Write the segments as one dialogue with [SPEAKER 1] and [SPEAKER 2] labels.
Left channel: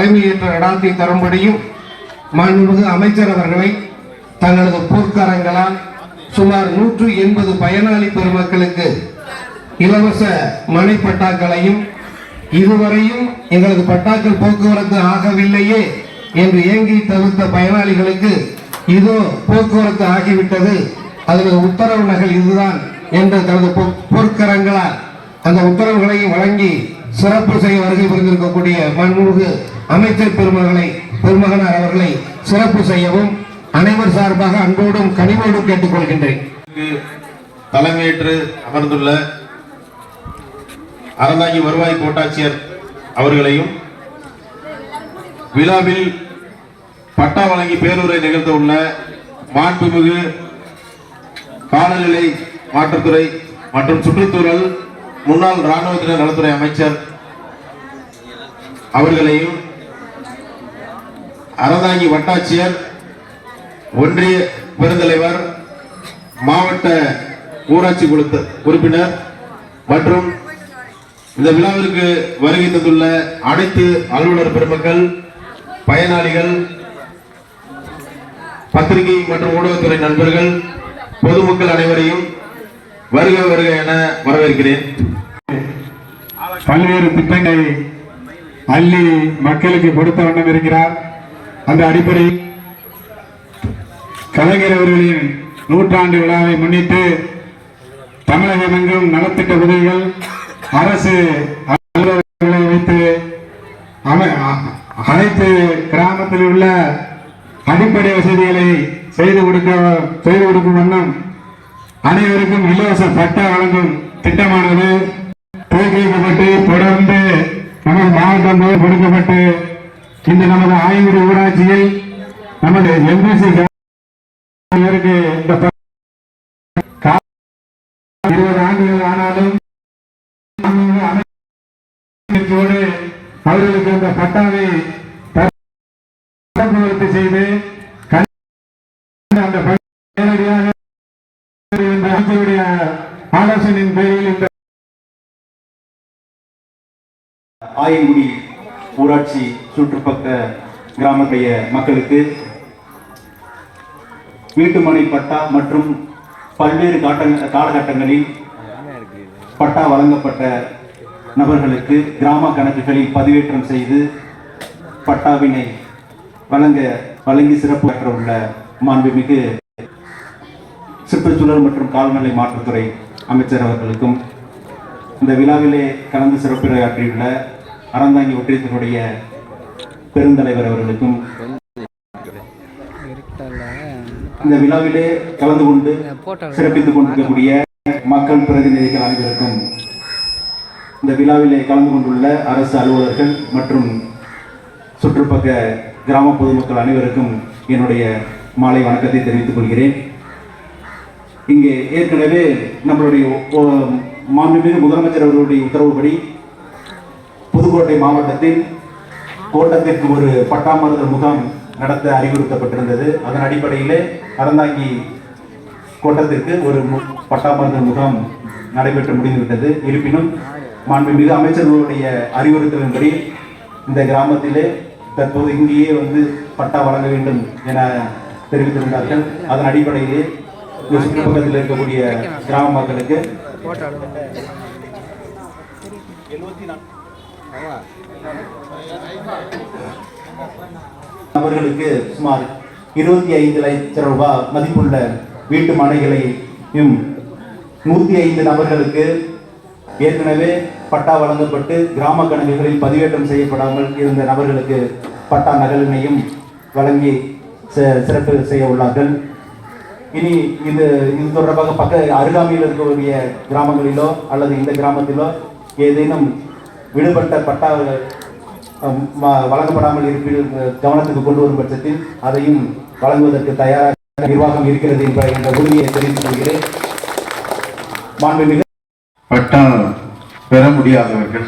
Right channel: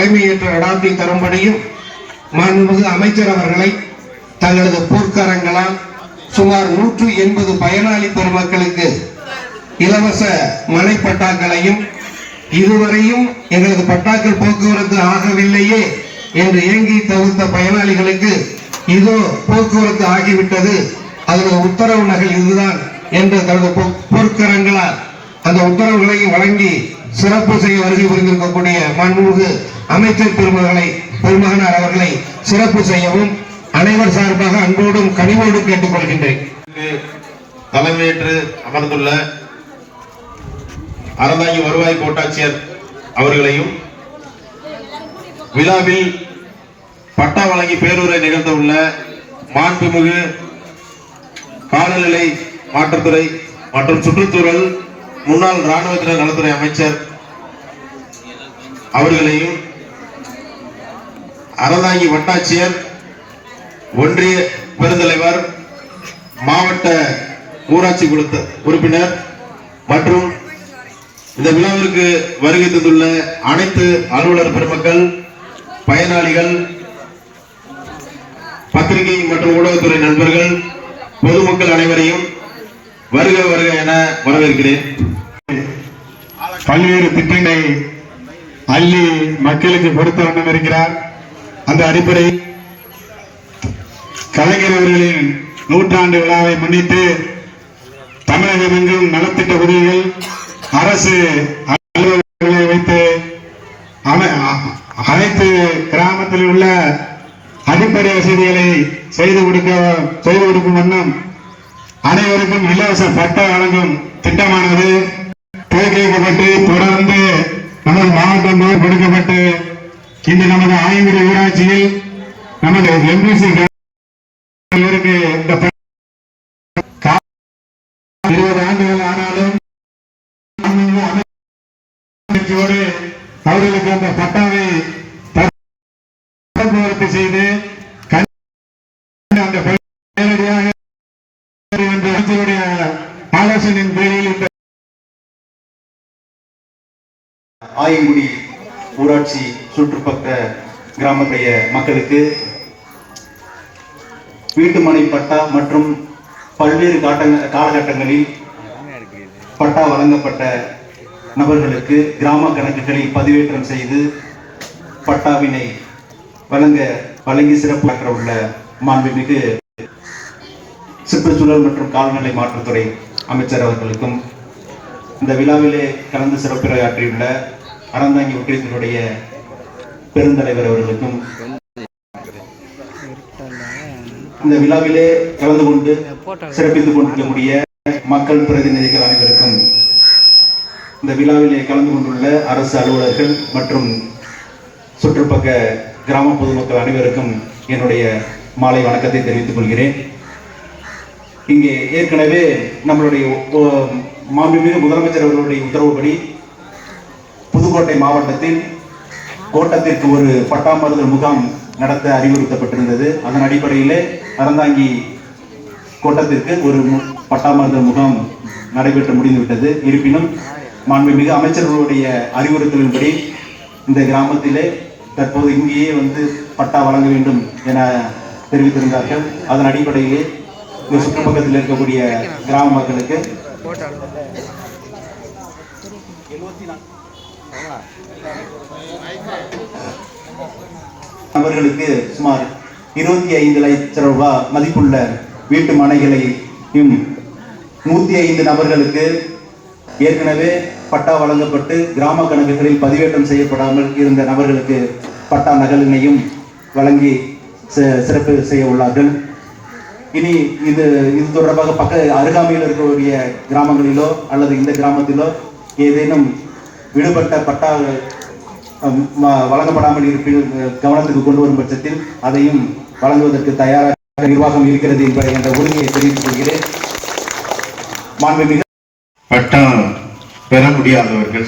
[SPEAKER 1] தலைமையேற்ற நடாத்தி தரும்படியும் மாண்புமிகு அமைச்சர் அவர்களை தங்களது போர்க்காரங்களால் சுமார் நூற்று எண்பது பயனாளி பெருமக்களுக்கு இலவச மனை பட்டாக்களையும் இதுவரையும் எங்களது பட்டாக்கள் போக்குவரத்து ஆகவில்லையே என்று ஏங்கி தவிர்த்த பயனாளிகளுக்கு இதோ போக்குவரத்து ஆகிவிட்டது. அதனுடைய உத்தரவு நகல் இதுதான் என்று தனது பொ- பொற்கரங்களால் அந்த உத்தரவுகளையும் வழங்கி சிறப்பு செய்ய வருகை புரிந்திருக்கக்கூடிய மாண்புமிகு அமைச்சர் பெருமகளை பெருமகனார் அவர்களை சிறப்பு செய்யவும் அனைவர் சார்பாக அன்போடும் கனிவோடும் கேட்டுக்கொள்கின்றேன்.
[SPEAKER 2] தலைமையேற்று அமர்ந்துள்ள அறந்தாங்கி வருவாய் கோட்டாட்சியர் அவர்களையும் விழாவில் பட்டா வழங்கி பேருரை நிகழ்த்த உள்ள மாண்புமிகு காலநிலை மாற்றுத்துறை மற்றும் சுற்றுச்சூழல் முன்னாள் ராணுவத்தினர் நலத்துறை அமைச்சர் அவர்களையும் அறந்தாங்கி வட்டாட்சியர் ஒன்றிய பெருந்தலைவர் மாவட்ட ஊராட்சி குழு உறுப்பினர் மற்றும் இந்த விழாவிற்கு வருகை தந்துள்ள அனைத்து அலுவலர் பெருமக்கள் பயனாளிகள் பத்திரிகை மற்றும் ஊடகத்துறை நண்பர்கள் பொதுமக்கள் அனைவரையும் வருக வருக என வரவேற்கிறேன்.
[SPEAKER 3] பல்வேறு திட்டங்களை அள்ளி மக்களுக்கு கொடுத்த வண்ணம் இருக்கிறார். அந்த அடிப்படையில் கலைஞர் அவர்களின் நூற்றாண்டு விழாவை முன்னிட்டு தமிழகம் எங்கும் நலத்திட்ட உதவிகள் அரசு அலுவலர்களை வைத்து அனை- அனைத்து கிராமத்தில் உள்ள அடிப்படை வசதிகளை செய்து கொடுக்க செய்து கொடுக்கும் வண்ணம் அனைவருக்கும் இலவச பட்டா வழங்கும் திட்டமானது. தேர்ந்தெடுக்கப்பட்டு தொடர்ந்து நமது மாவட்டம் கொடுக்கப்பட்டு இன்று நமது ஆயங்குடி ஊராட்சியில் நமது எம்பிசி இவருக்கு இந்த இருபது ஆண்டுகள் ஆனாலும் மாண்புமிகு அவர்களுக்கு அந்த பட்டாவை த- செய்து அந்த நேரடியாக அமைச்சருடைய ஆலோசனையின் பேரில் இந்த
[SPEAKER 4] ஆயங்குடி ஊராட்சி சுற்றுப்பக்க கிராமத்துடைய மக்களுக்கு வீட்டுமனை பட்டா மற்றும் பல்வேறு காட்டங்க காலகட்டங்களில் பட்டா வழங்கப்பட்ட நபர்களுக்கு கிராம கணக்குகளில் பதிவேற்றம் செய்து பட்டாவினை வழங்க வழங்கி சிறப்பாற்ற உள்ள மாண்புமிகு சுற்றுச்சூழல் மற்றும் கால்நிலை மாற்றுத்துறை அமைச்சர் அவர்களுக்கும் இந்த விழாவிலே கலந்து சிறப்புரையாற்றியுள்ள அறந்தாங்கி ஒற்றியத்தினுடைய பெருந்தலைவர் அவர்களுக்கும் இந்த விழாவிலே கலந்து கொண்டு சிறப்பித்துக் கொண்டிருக்கக்கூடிய மக்கள் பிரதிநிதிகள் அனைவருக்கும் இந்த விழாவிலே கலந்து கொண்டுள்ள அரசு அலுவலர்கள் மற்றும் சுற்றுப்பக்க கிராம பொதுமக்கள் அனைவருக்கும் என்னுடைய மாலை வணக்கத்தை தெரிவித்துக் கொள்கிறேன். இங்கே ஏற்கனவே நம்மளுடைய ஒ- மாண்புமிகு முதலமைச்சர் அவர்களுடைய உத்தரவுப்படி புதுக்கோட்டை மாவட்டத்தில் கோட்டத்திற்கு ஒரு பட்டாமருந்து முகாம் நடத்த அறிவுறுத்தப்பட்டிருந்தது. அதன் அடிப்படையிலே அறந்தாங்கி கோட்டத்திற்கு ஒரு மு- முகாம் நடைபெற்று முடிந்துவிட்டது. இருப்பினும் மாண்புமிகு அமைச்சர்களுடைய அறிவுறுத்தலின்படி இந்த கிராமத்திலே தற்போது இங்கேயே வந்து பட்டா வழங்க வேண்டும் என தெரிவித்திருந்தார்கள். அதன் அடிப்படையிலே இந்த சுற்றுப்பக்கத்தில் இருக்கக்கூடிய கிராம மக்களுக்கு நபர்களுக்கு சுமார் இருபத்தி ஐந்து லட்சம் ரூபாய் மதிப்புள்ள வீட்டு மனைகளையும் நூற்றி ஐந்து நபர்களுக்கு ஏற்கனவே பட்டா வழங்கப்பட்டு கிராம கணக்குகளில் பதிவேற்றம் செய்யப்படாமல் இருந்த நபர்களுக்கு பட்டா நகலினையும் வழங்கி சிறப்பு செய்ய உள்ளார்கள். இனி இது இது தொடர்பாக பக்க அருகாமையில் இருக்கக்கூடிய கிராமங்களிலோ அல்லது இந்த கிராமத்திலோ ஏதேனும் விடுபட்ட பட்டா வழங்கப்படாமல் இருப்பின் கவனத்துக்கு கொண்டு வரும் பட்சத்தில் அதையும் வழங்குவதற்கு தயாராக நிர்வாகம் இருக்கிறது என்ற என்ற உறுதியை தெரிவித்துக் கொள்கிறேன். மாண்புமிகு
[SPEAKER 5] பட்டா பெற முடியாதவர்கள்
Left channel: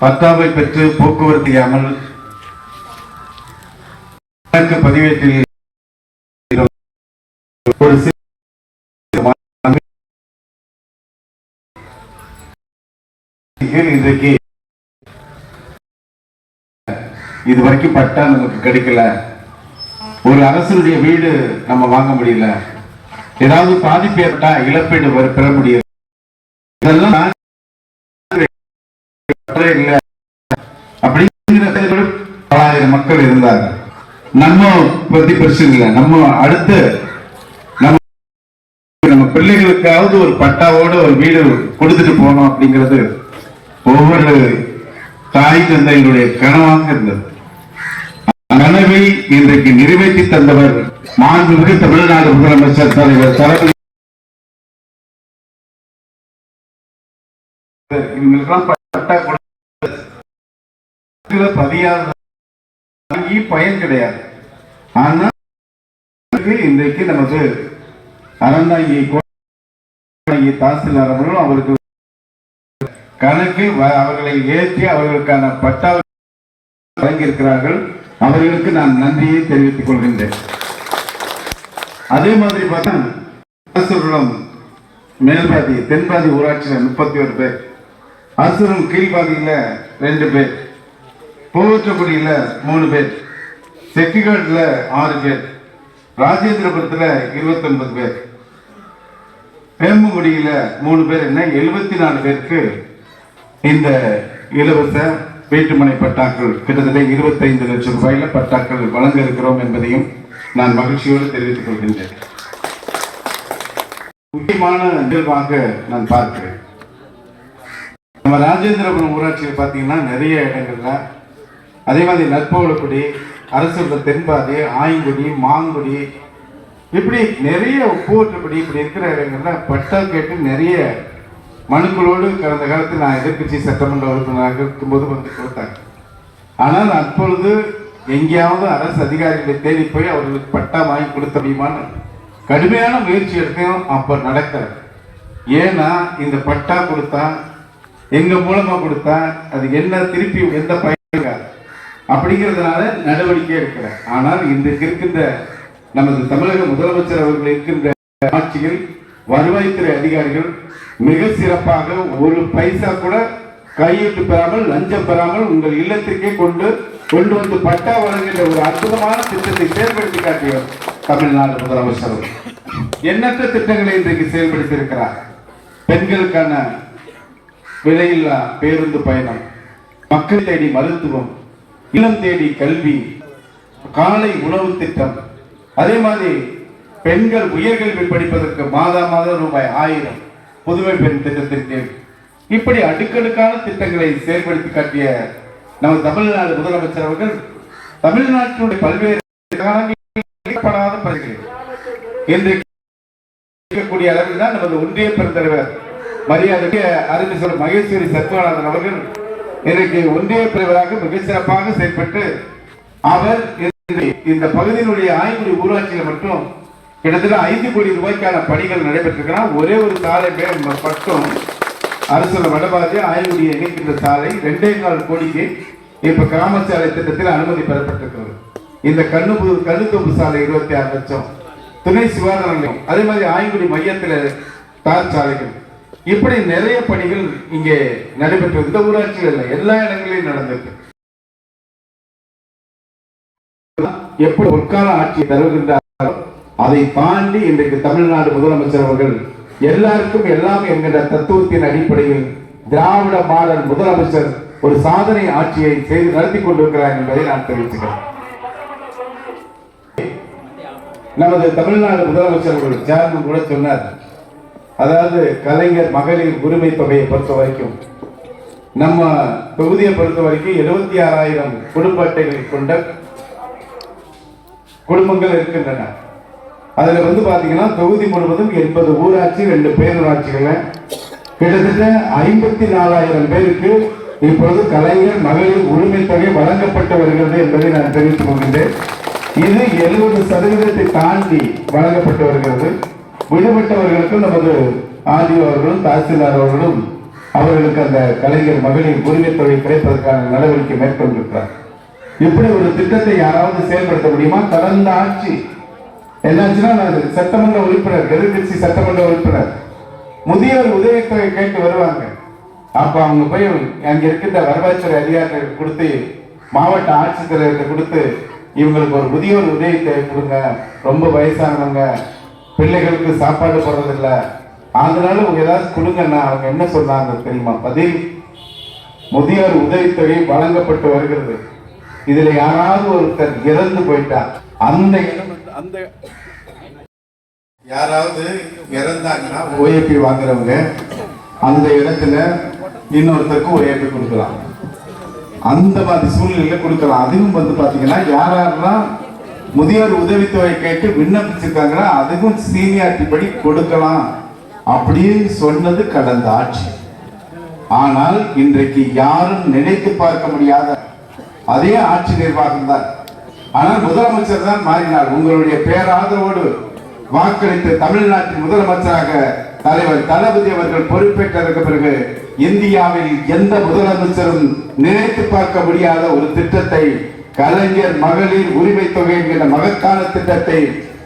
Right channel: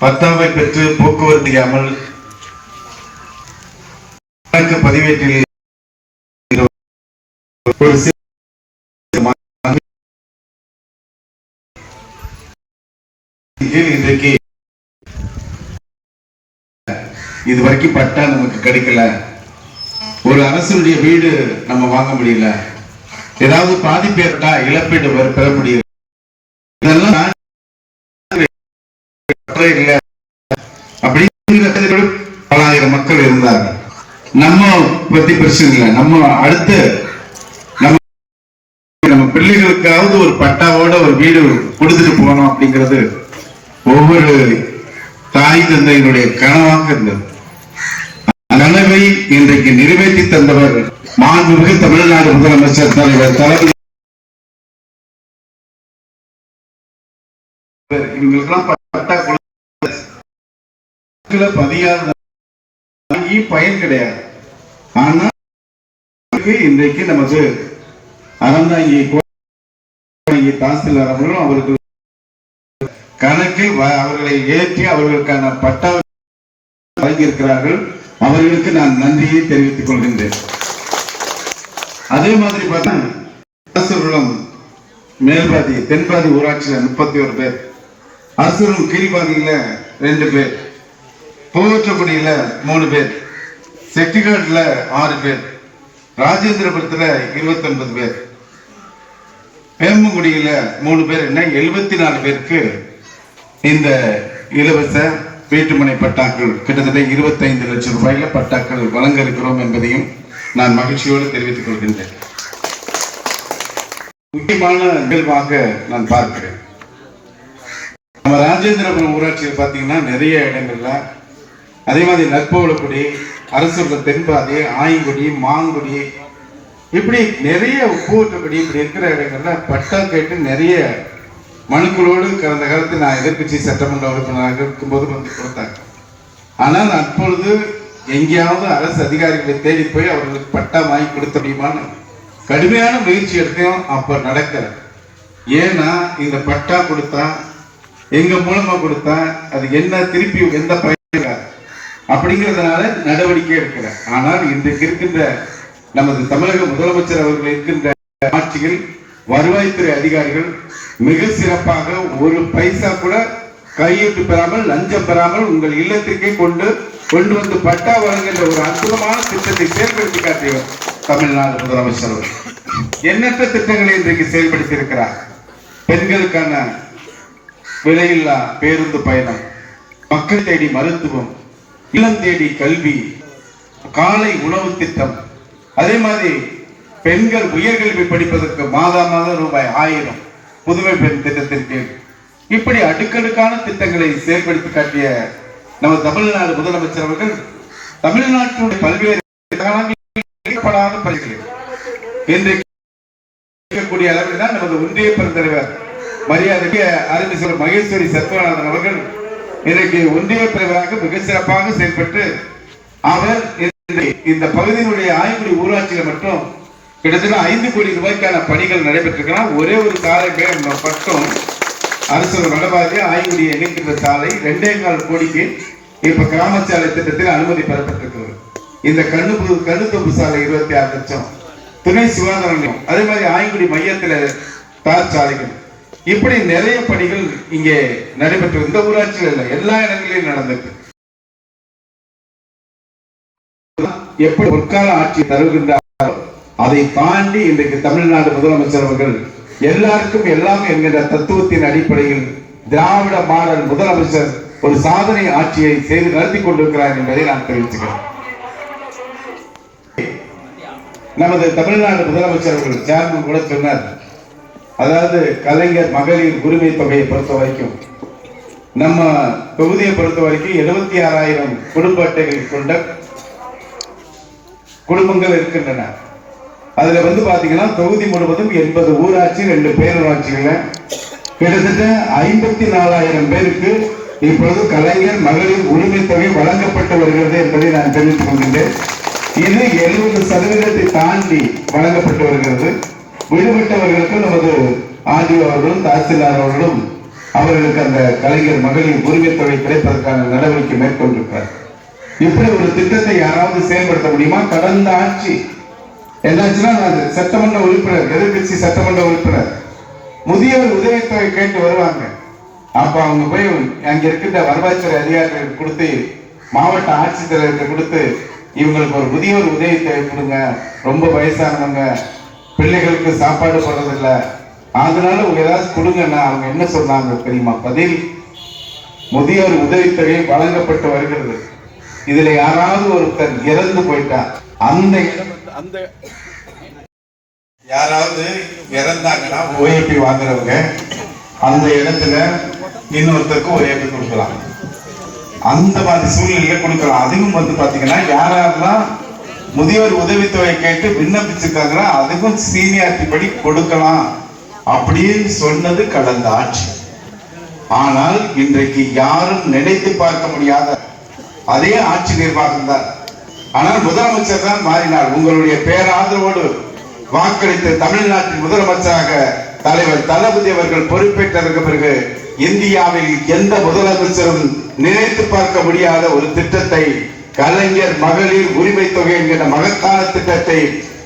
[SPEAKER 5] பத்தாவை பெற்று போக்குவரத்து இல்லாமல் பதிவேற்றில் ஒரு இன்றைக்கு இது வரைக்கும் பட்டா நமக்கு கிடைக்கல. ஒரு அரசனுடைய வீடு நம்ம வாங்க முடியல. ஏதாவது பாதிப்பு ஏற்பட்டா இழப்பீடு பெற- பெற முடியல இதெல்லாம் அப்படிங்கிற பலாயிரம் மக்கள் இருந்தாங்க நம்ம பத்தி பிரச்சனை இல்லை. நம்ம அடுத்து நம்ம நம்ம பிள்ளைகளுக்காவது ஒரு பட்டாவோட ஒரு வீடு கொடுத்துட்டு போனோம் அப்படிங்கிறது ஒவ்வொரு தாய் தந்தையினுடைய கனவாக இருந்தது. கனவை இன்றைக்கு நிறைவேற்றி தந்தவர் மாண்புமிகு தமிழ்நாடு முதலமைச்சர் தலைவர் தலைமை இவங்களுக்கெல்லாம் பயன் கிடையாது. ஆனா இன்றைக்கு நமக்கு அறந்தாங்கி கோடாங்கி தாசில்தார் அவர்களும் அவருக்கு கணக்கில் வ- அவர்களை ஏற்றி அவர்களுக்கான பட்டா வழங்கியிருக்கிறார்கள். அவர்களுக்கு நான் நன்றியை தெரிவித்துக் கொள்கின்றேன். அதே மாதிரி பார்த்தா அரசுரம் மேல்பாதி தென்பாதி ஊராட்சியில் முப்பத்தி ஒரு பேர். அரசுரம் கீழ்பாதியில ரெண்டு பேர். பூவற்றக்குடியில மூணு பேர். செட்டிகாட்ல ஆறு பேர். ராஜேந்திரபுரத்துல இருபத்தி ஒன்பது பேர். வேம்புங்குடியில மூணு பேர் என்ன? எழுபத்தி நாலு பேருக்கு இந்த இலவச வீட்டுமனை பட்டாக்கள் கிட்டத்தட்ட 25 லட்சம் ரூபாயில பட்டாக்கள் வழங்க இருக்கிறோம் என்பதையும் நான் மகிழ்ச்சியோடு தெரிவித்துக் கொள்கின்றேன். முக்கியமான நிகழ்வாக நான் பார்க்கிறேன். நம்ம ராஜேந்திரபுரம் ஊராட்சியில் பார்த்தீங்கன்னா நிறைய இடங்கள்ல அதே மாதிரி நற்பவளக்குடி அரசுள்ள தென்பாதி ஆய்குடி மாங்குடி இப்படி நிறைய பூவற்றப்படி இப்படி இருக்கிற இடங்கள்ல பட்டா கேட்டு நிறைய மனுக்களோடு கடந்த காலத்தில் நான் எதிர்க்கட்சி சட்டமன்ற உறுப்பினராக இருக்கும்போது வந்து கொடுத்தாங்க ஆனால் அப்பொழுது எங்கேயாவது அரசு அதிகாரிகளை தேடி போய் அவர்களுக்கு பட்டா வாங்கி கொடுத்த முடியுமான்னு கடுமையான முயற்சி எடுத்தையும் அப்போ நடக்கலை. ஏன்னா இந்த பட்டா கொடுத்தா எங்க மூலமா கொடுத்தா அது என்ன திருப்பி எந்த பயன் அப்படிங்கிறதுனால நடவடிக்கை எடுக்கிறேன் ஆனால் இன்றைக்கு இருக்கின்ற நமது தமிழக முதலமைச்சர் அவர்கள் இருக்கின்ற ஆட்சியில் வருவாய்த்துறை அதிகாரிகள் மிக சிறப்பாக ஒரு பைசா கூட கையிட்டு பெறாமல் லஞ்சம் பெறாமல் உங்கள் இல்லத்திற்கே கொண்டு கொண்டு வந்து பட்டா வழங்குகின்ற ஒரு அற்புதமான திட்டத்தை செயல்படுத்தி காட்டியவர் தமிழ்நாடு முதலமைச்சர் அவர்கள். எண்ணற்ற திட்டங்களை இன்றைக்கு செயல்படுத்தி இருக்கிறார் பெண்களுக்கான விலையில்லா பேருந்து பயணம் மக்கள் தேடி மருத்துவம் இளம் தேடி கல்வி காலை உணவு திட்டம் அதே மாதிரி பெண்கள் உயர்கல்வி படிப்பதற்கு மாதா மாதம் ரூபாய் ஆயிரம் புதுமை பெண் திட்டத்திற்கு இப்படி அடுக்கடுக்கான திட்டங்களை செயல்படுத்தி காட்டிய நம்ம தமிழ்நாடு முதலமைச்சர் அவர்கள் தமிழ்நாட்டினுடைய பல்வேறு காலங்களில் இன்றைக்கு இருக்கக்கூடிய அளவில் தான் நமது ஒன்றிய பெருந்தலைவர் மரியாதைக்கு அறிஞர் மகேஸ்வரி சத்யநாதன் அவர்கள் இன்றைக்கு ஒன்றிய தலைவராக மிக சிறப்பாக செயல்பட்டு அவர் இந்த பகுதியினுடைய ஆய்வுடி ஊராட்சியில் மட்டும் கிட்டத்தட்ட ஐந்து கோடி ரூபாய்க்கான பணிகள் நடைபெற்றிருக்கிறார் ஒரே ஒரு சாலை பட்டம் அரசு வடபாதி ஆய்வுடைய இணைக்கின்ற சாலை ரெண்டே கால் கோடிக்கு இப்ப கிராம சாலை திட்டத்தில் அனுமதி பெறப்பட்டிருக்கிறது. இந்த கண்ணு கண்ணுத்தொம்பு சாலை இருபத்தி ஆறு லட்சம் துணை சுகாதார நிலையம் அதே மாதிரி ஆய்குடி மையத்தில் தார் சாலைகள். இப்படி நிறைய பணிகள் இங்கே நடைபெற்று இந்த ஊராட்சியில் இல்லை எல்லா இடங்களிலும் நடந்திருக்கு. எப்படி ஒற்கால ஆட்சி தருகின்ற அதை தாண்டி இன்றைக்கு தமிழ்நாடு முதலமைச்சர் அவர்கள் எல்லாருக்கும் எல்லாம் என்கின்ற தத்துவத்தின் அடிப்படையில் திராவிட மாடல் முதலமைச்சர் ஒரு சாதனை ஆட்சியை செய்து நடத்தி கொண்டிருக்கிறார் என்பதை நான் தெரிவிச்சுக்கிறேன் நமது தமிழ்நாடு முதலமைச்சர் அவர்கள் சேர்மன் கூட சொன்னார். அதாவது கலைஞர் மகளிர் உரிமை தொகையை பொறுத்த வரைக்கும் நம்ம தொகுதியை பொறுத்த வரைக்கும் எழுபத்தி ஆறாயிரம் குடும்ப அட்டைகள் கொண்ட குடும்பங்கள் இருக்கின்றன. அதுல வந்து பார்த்தீங்கன்னா தொகுதி முழுவதும் எண்பது ஊராட்சி ரெண்டு பேரூராட்சிகளை கிட்டத்தட்ட ஐம்பத்தி நாலாயிரம் பேருக்கு இப்பொழுது கலைஞர் மகளிர் உரிமை தொகை வழங்கப்பட்டு வருகிறது என்பதை நான் தெரிவித்துக் கொள்கின்றேன். இது எழுபது சதவீதத்தை தாண்டி வழங்கப்பட்டு வருகிறது விடுபட்டவர்களுக்கு நமது ஆர்டிஓ அவர்களும் தாசில்தார் அவர்களும் அவர்களுக்கு அந்த கலைஞர் மகளிர் உரிமை தொகை கிடைப்பதற்கான நடவடிக்கை மேற்கொண்டிருக்கிறார் இப்படி ஒரு திட்டத்தை யாராவது செயல்படுத்த முடியுமா? கடந்த ஆட்சி என்னாச்சுன்னா நான் சட்டமன்ற உறுப்பினர் எதிர்கட்சி சட்டமன்ற உறுப்பினர். முதியோர் உதவித்தொகை கேட்டு வருவாங்க. அப்ப அவங்க போய் அங்க இருக்கின்ற வருவாய்த்துறை அதிகாரிகளுக்கு கொடுத்து மாவட்ட ஆட்சித்தலைவருக்கு கொடுத்து இவங்களுக்கு ஒரு முதியோர் உதவித்தொகை கொடுங்க. ரொம்ப வயசானவங்க பிள்ளைகளுக்கு சாப்பாடு போடுறதில்ல. அதனால உங்க ஏதாவது கொடுங்கன்னா அவங்க என்ன சொல்றாங்க தெரியுமா? பதில் முதியோர் உதவித்தொகை வழங்கப்பட்டு வருகிறது. இதுல யாராவது ஒருத்தர் இறந்து போயிட்டா அந்த இடம் அந்த யாராவது இறந்தாங்கன்னா ஓஏபி வாங்குறவங்க அந்த இடத்துல இன்னொருத்தருக்கு ஓஏபி கொடுக்கலாம். அந்த மாதிரி சூழ்நிலையில கொடுக்கலாம். அதுவும் வந்து பாத்தீங்கன்னா யார் யாரெல்லாம் முதியோர் உதவித்தொகை கேட்டு விண்ணப்பிச்சிருக்காங்கன்னா அதுக்கும் சீனியாரிட்டி படி கொடுக்கலாம் அப்படின்னு சொன்னது கடந்த ஆட்சி. ஆனால் இன்றைக்கு யாரும் நினைத்து பார்க்க முடியாத அதே ஆட்சி நிர்வாகம் தான். ஆனால் முதலமைச்சர் தான் மாறினார். உங்களுடைய பேராதரவோடு வாக்களித்து தமிழ்நாட்டின் முதலமைச்சராக தலைவர் தளபதி அவர்கள் பொறுப்பேற்றதற்கு பிறகு இந்தியாவில் எந்த முதலமைச்சரும் நினைத்து பார்க்க முடியாத ஒரு திட்டத்தை கலைஞர் மகளிர் உரிமை தொகை என்கிற மகத்தான திட்டத்தை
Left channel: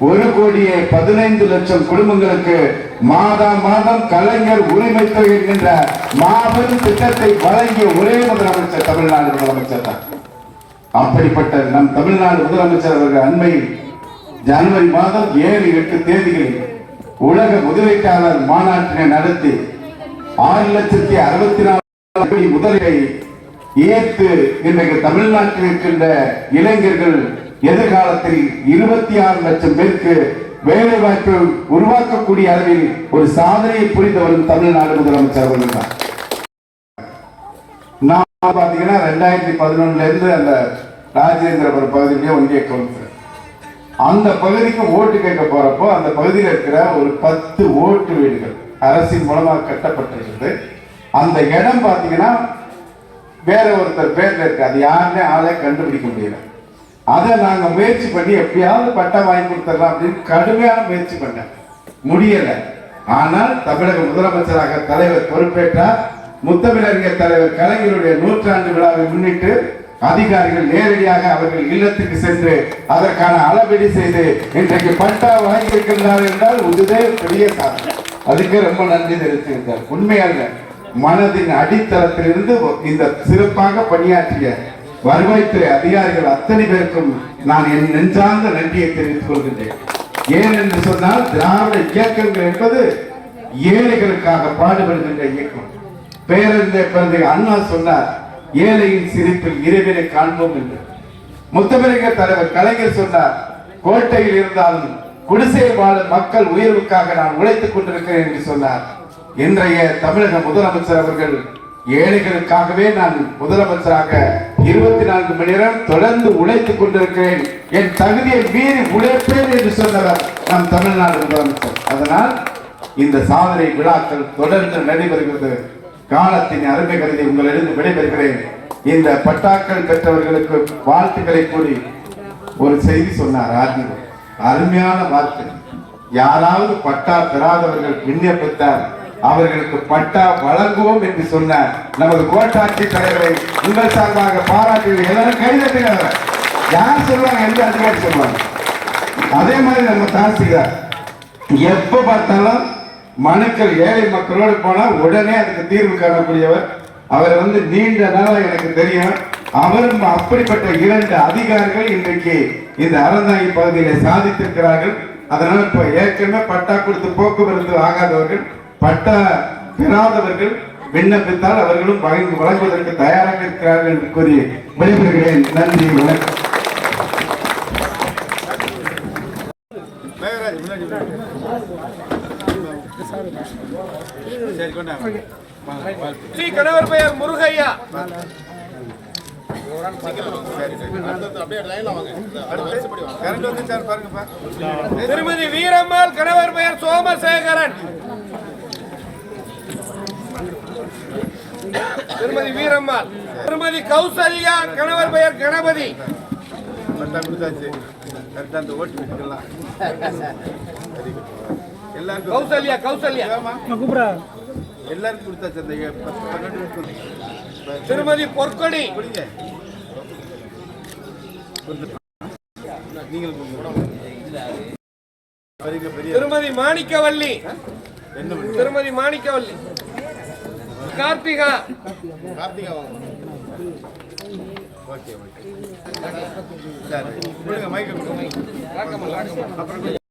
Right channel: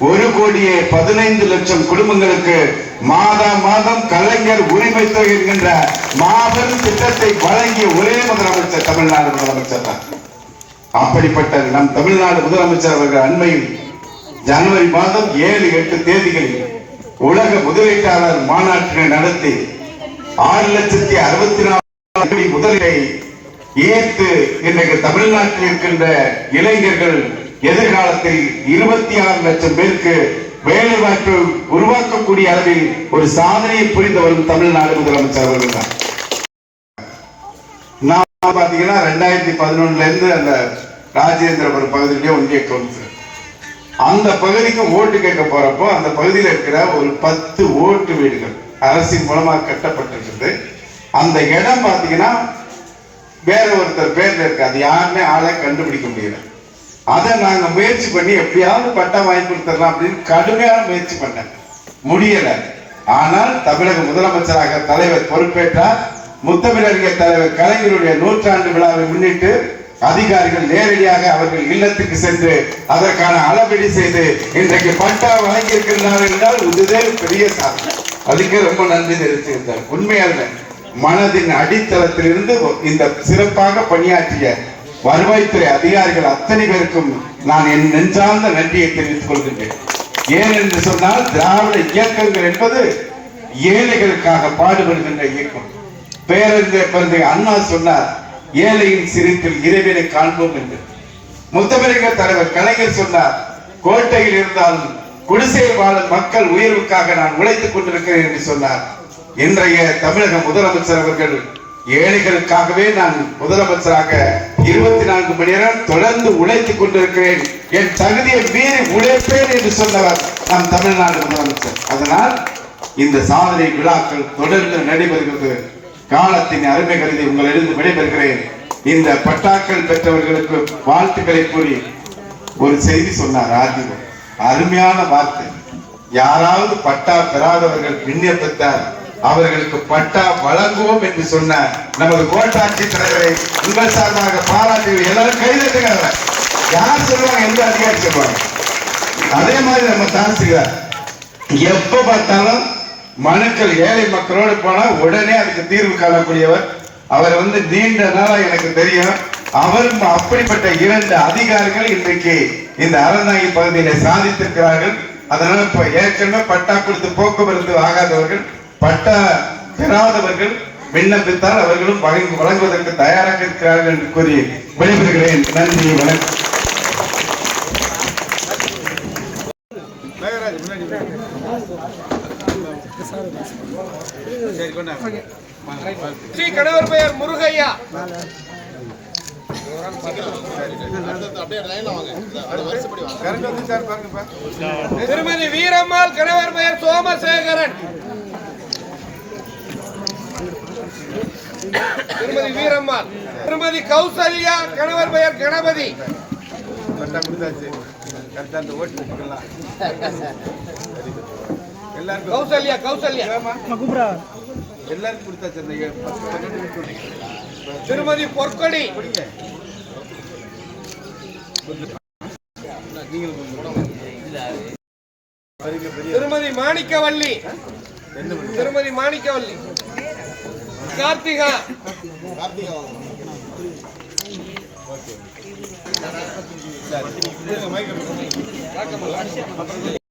[SPEAKER 5] ஒரு கோடியே பதினைந்து லட்சம் குடும்பங்களுக்கு மாதம் மாதம் கலைஞர் உரிமை தொகை என்கின்ற மாபெரும் திட்டத்தை வழங்கிய ஒரே முதலமைச்சர் தமிழ்நாடு முதலமைச்சர் தான். அப்படிப்பட்ட நம் தமிழ்நாடு முதலமைச்சர் அவர்கள் அண்மையில் ஜனவரி மாதம் ஏழு எட்டு தேதிகளில் உலக முதலீட்டாளர் மாநாட்டினை நடத்தி ஆறு லட்சத்தி அறுபத்தி நாலு கோடி முதலீட்டை ஏற்று இன்றைக்கு தமிழ்நாட்டில் இருக்கின்ற இளைஞர்கள் எதிர்காலத்தில் இருபத்தி ஆறு லட்சம் பேருக்கு வேலை வாய்ப்பு உருவாக்கக்கூடிய அளவில் ஒரு சாதனையை புரிந்து வரும் தமிழ்நாடு முதலமைச்சர் அவர்கள் தான். நான் பாத்தீங்கன்னா ரெண்டாயிரத்தி பதினொன்னுல இருந்து அந்த ராஜேந்திரபுரம் பகுதியுடைய ஒன்றிய கவுன்சிலர் அந்த பகுதிக்கு ஓட்டு கேட்க போறப்போ அந்த பகுதியில் இருக்கிற ஒரு பத்து ஓட்டு வீடுகள் அரசின் மூலமாக கட்டப்பட்டிருக்குது அந்த இடம் பார்த்தீங்கன்னா வேற ஒருத்தர் பேர்ல இருக்கு. அது யாருமே ஆளை கண்டுபிடிக்க முடியல. அதை நாங்கள் முயற்சி பண்ணி எப்படியாவது பட்டம் வாங்கி கொடுத்துடலாம் அப்படின்னு கடுமையான முயற்சி பண்ணேன். முடியல. ஆனால் தமிழக முதலமைச்சராக தலைவர் பொறுப்பேற்றார். முத்தமிழறிஞர் தலைவர் கலைஞருடைய நூற்றாண்டு விழாவை முன்னிட்டு அதிகாரிகள் நேரடியாக அவர்கள் இல்லத்துக்கு சென்று அதற்கான அளவீடு செய்து இன்றைக்கு பட்டா வழங்கி இருக்கின்றார்கள் என்றால் இதுவே பெரிய சாதனை. அதுக்கு ரொம்ப நன்றி தெரிவித்திருந்தார். உண்மையாக மனதின் அடித்தளத்திலிருந்து இந்த சிறப்பாக பணியாற்றிய வருவாய்த்துறை அதிகாரிகள் அத்தனை பேருக்கும் நான் என் நெஞ்சார்ந்த நன்றியை தெரிவித்துக் கொள்கின்றேன். ஏன் என்று சொன்னால் திராவிட இயக்கங்கள் என்பது ஏழைகளுக்காக பாடுபடுகின்ற இயக்கம். பேருந்தே பிறந்த அண்ணா சொன்னார் ஏழையின் சிரிப்பில் இறைவனை காண்போம் என்று. முத்தமிழக தலைவர் கலைஞர் சொன்னார் கோட்டையில் இருந்தாலும் குடிசையில் வாழும் மக்கள் உயர்வுக்காக நான் உழைத்துக் கொண்டிருக்கிறேன் என்று சொன்னார். இன்றைய தமிழக முதலமைச்சர் அவர்கள் ஏழைகளுக்காகவே நான் முதலமைச்சராக இருபத்தி நான்கு மணி நேரம் தொடர்ந்து உழைத்துக் கொண்டிருக்கிறேன் என் தகுதியை மீறி உழைப்பேன் என்று சொன்னவர் நம் தமிழ்நாடு முதலமைச்சர். அதனால் இந்த சாதனை விழாக்கள் தொடர்ந்து நடைபெறுகிறது. காலத்தின் அருமை கருதி உங்களிடம் விடைபெறுகிறேன். இந்த பட்டாக்கள் பெற்றவர்களுக்கு வாழ்த்துக்களை கூறி ஒரு செய்தி சொன்னார் ஆதிவர் அருமையான வார்த்தை. யாராவது பட்டா பெறாதவர்கள் விண்ணப்பித்தால் அவர்களுக்கு பட்டா வழங்குவோம் என்று சொன்ன நமது கோட்டாட்சி தலைவரை உங்கள் சார்பாக பாராட்டி எல்லாரும் கைதட்டுங்க யார் சொல்லுவாங்க எந்த அதிகாரி சொல்லுவாங்க அதே மாதிரி நம்ம தாசில்தார். எப்ப பார்த்தாலும் மனுக்கள் ஏழை மக்களோடு போனால் உடனே அதுக்கு தீர்வு காணக்கூடியவர். அவர் வந்து நீண்ட நாளாக எனக்கு தெரியும். அவர் அப்படிப்பட்ட இரண்டு அதிகாரிகள் இன்றைக்கு இந்த அறநாயி பகுதியில சாதித்திருக்கிறார்கள். அதனால் இப்போ ஏற்கனவே பட்டா கொடுத்து போக்குவரத்து ஆகாதவர்கள் பட்டா பெறாதவர்கள் விண்ணப்பித்தால் அவர்களும் வழங்குவதற்கு தயாராக இருக்கிறார்கள் என்று கூறி விடைபெறுகிறேன். நன்றி வணக்கம்.
[SPEAKER 6] ஸ்ரீ கணவர் பெயர் முருகையா. திருமதி வீரம்மாள் கணவர் பெயர் சோமசேகரன். திருமதி வீரம்மாள். திருமதி கௌசல்யா கணவர் பெயர் கணபதி.
[SPEAKER 7] பட்டா கொடுத்தாச்சு கரெக்டாக அந்த ஓட்டு வீட்டுக்கெல்லாம். வெரி குட் எல்லாருக்கும்
[SPEAKER 6] கௌசல்யா கௌசல்யா.
[SPEAKER 7] எல்லாருக்கும் கொடுத்தாச்சு அந்த பத்து பன்னெண்டு வீட்டு
[SPEAKER 6] திருமதி பொற்கொடி.
[SPEAKER 7] கொடுங்க. பெரிய
[SPEAKER 6] திருமதி மாணிக்கவல்லி. திருமதி மாணிக்கவல்லி. கார்த்திகா.
[SPEAKER 7] Okay okay. சரி. கொடுங்க அப்புறம்